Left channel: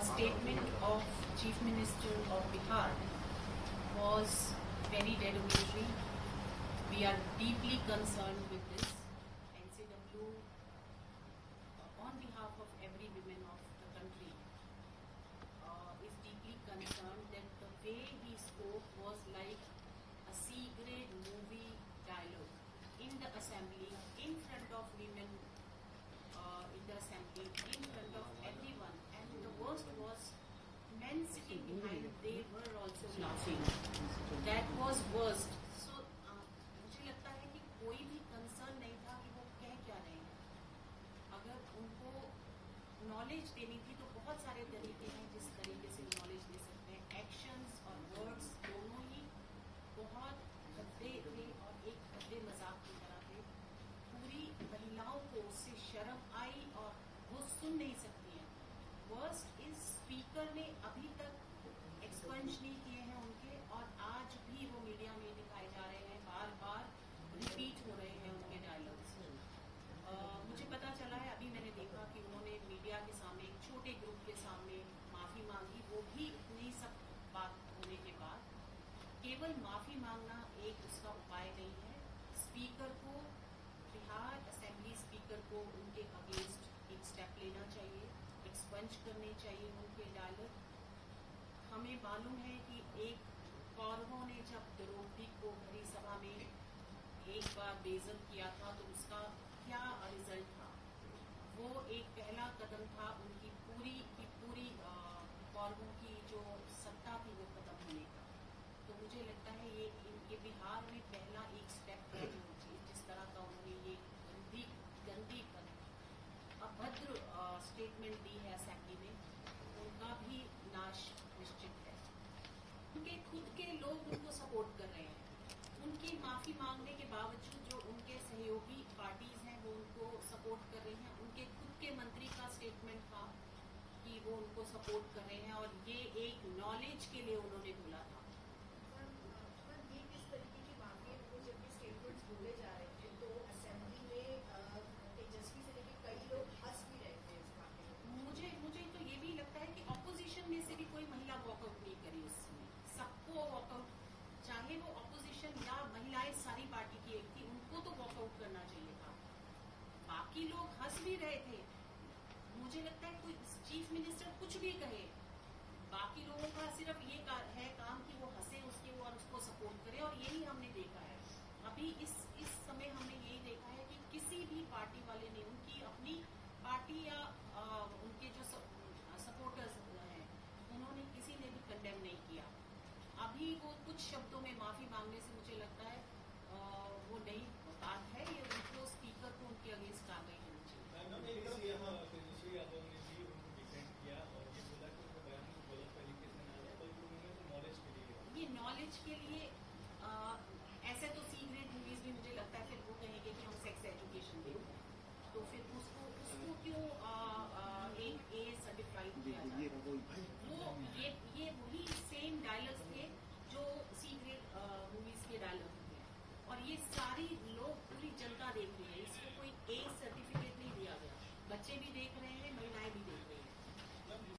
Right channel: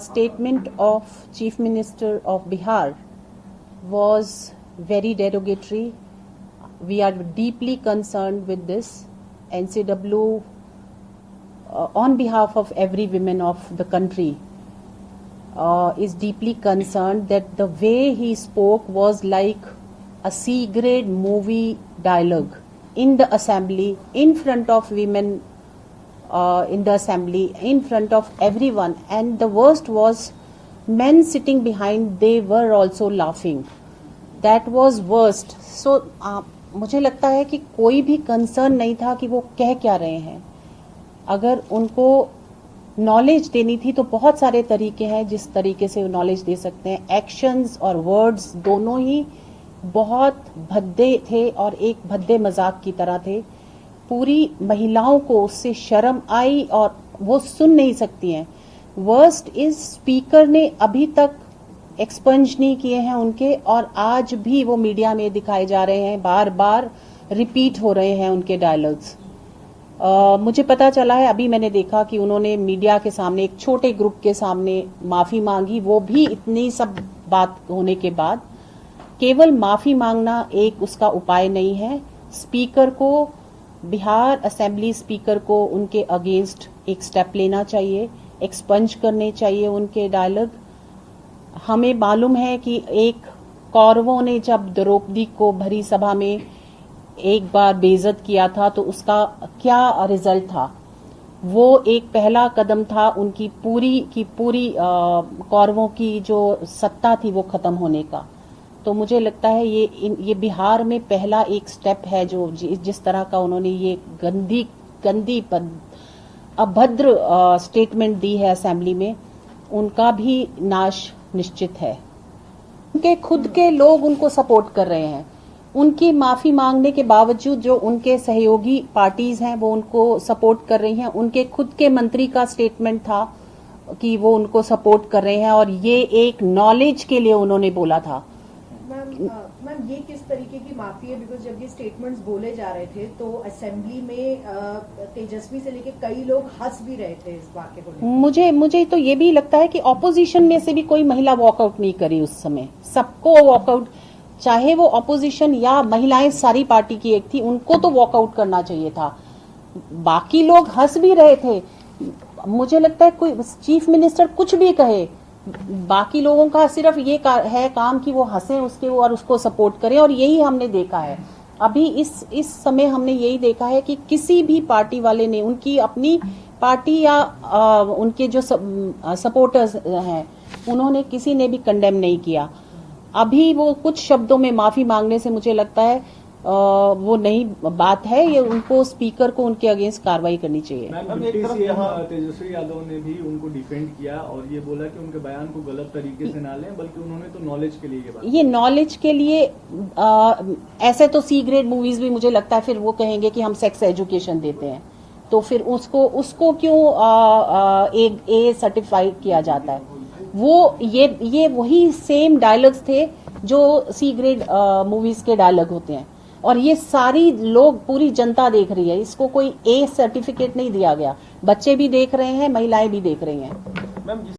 statement of Chief Minister of Bihar was very derogatory. We are deeply concerned with this. NCW, on behalf of every woman of the country, is deeply concerned that the way he spoke was like a C-grade movie dialogue in the assembly, in front of women, in the assembly, in front of everyone. And the worst was men sitting behind, they were also laughing. That was worst. So मुझे लगता है कि कोई भी concern नहीं था कि वो कह क्या रहे हैं. अगर उनको नॉलेज देनी थी तो बहुत सारे तरीके हैं जिस तरीके से नॉलेज दे सकते हैं. एक्शंस और वर्ड्स दोनों ही बहुत भद्दे थे और एक भद्दे मजाक की तरह थे. पूरी महिलाओं को उससे शर्म आई और वो सुन नहीं सकती हैं. वर्स्ट इज स्पीकर ने अभी तक एक्सपंज नहीं किए हैं उनके, और आज भी वो मीडिया में दिखाए जा रहे हैं, बार बार रिपीट हो रहे हैं उनके डायलॉग्स. मुझे पता चला है, अभी मैंने देखा कि उन्होंने मीडिया के सामने एक छोटे ग्रुप के सामने माफी मांगी. वो भी इतनी सब बात होने के बाद केवल माफी मांगना एक उसका उपाय नहीं है. स्पीकर को, बिहार असेंबली स्पीकर को उनके अगेंस्ट एक स्टेप लेना चाहिए, एक्सपंज करने चाहिए उनके डायलॉग. हमें मालूम है कि एक कौरवों ने जब द्रौपदी को भरी सभा में एक बार बेइज्जत किया था तो उसका क्या रिजल्ट था. वो एक पहला कदम था उनकी पूरी कौरवों की जो सत्ता थी वो खत्म होने का. तो मुझे लगता है ये बिहार में पहला एक स्टेप है जो जिस तरह का उन्होंने ये गंदी अभद्र स्टेटमेंट दी है असेंबली में, उनका भी नाश निश्चित है. उनके खुद के लोग उनको सपोर्ट कर रहे हैं. उनकी माफी मांगने के बावजूद जो उनके सहयोगी पार्टीज हैं वो उनको सपोर्ट कर रही हैं. उनके खुद के मंत्री का स्टेटमेंट था कि वो उनको सपोर्ट कर रहे हैं और ये एक नॉलेज के लिए उन्होंने बोला था. मैम ये किस तरीके की माफी है? बिकॉज जब ये स्टेटमेंट्स बोले जा रहे थे तो असेंबली में तेजस्वी से लेके कई लोग हंस भी रहे थे इस वाक्य को. मुझे तो ये भी लगता है कि ऑपोजिशन में से भी कोई महिला वॉकआउट नहीं करी उस समय. सबको वॉकआउट, चाहे वो ऑपोजिशन या महिलाएं सारी पार्टी की एक थी, उनको तो वॉकआउट करना चाहिए था. बाकी लोग हंस भी रहे थे. मुझे लगता है कोई चीफ मिनिस्टर कुछ भी कहे, बाकी लोगों का सिर्फ ये है काम कि वो हंसे उसके और उसको सपोर्ट करें. और यही हमने देखा है अभी इस समय. हमने यही देखा है कि किसी भी पार्टी वाले ने उनकी अपनी पार्टी या उनके जो सपोर्टर्स हैं उन्होंने किसी ने भी कंडेम नहीं किया. अभी वो कुछ शब्दों में माफी मांगने से मुझे लगता है वो नई बात है. ये उनको स्पीकर को उनके अगेंस्ट कार्रवाई करनी चाहिए. तेजस्वी यादव ने भी उनको डिफेंड किया और ये बोला कि उनके बयान को गलत तरीके से ना लें, बल्कि उन्होंने तो नॉलेज के लिए ये नॉलेज के लिए ऐसे तो सी ग्रेड मूवीज भी मुझे लगता है फिर वो कहेंगे कि हम सेक्स एजुकेशन देते हैं, तो फिर उसको क्यों ए सर्टिफाइड किया जाता है. वो ये वही सेम डायलॉग्स थे जो सी ग्रेड मूवीज के डायलॉग होते हैं. और ये सारी लोग, पूरी जनता देख रही है. इसको कोई ए सर्टिफिकेट नहीं दिया गया. बच्चे भी देख रहे हैं, महिलाएं भी देख रही हैं.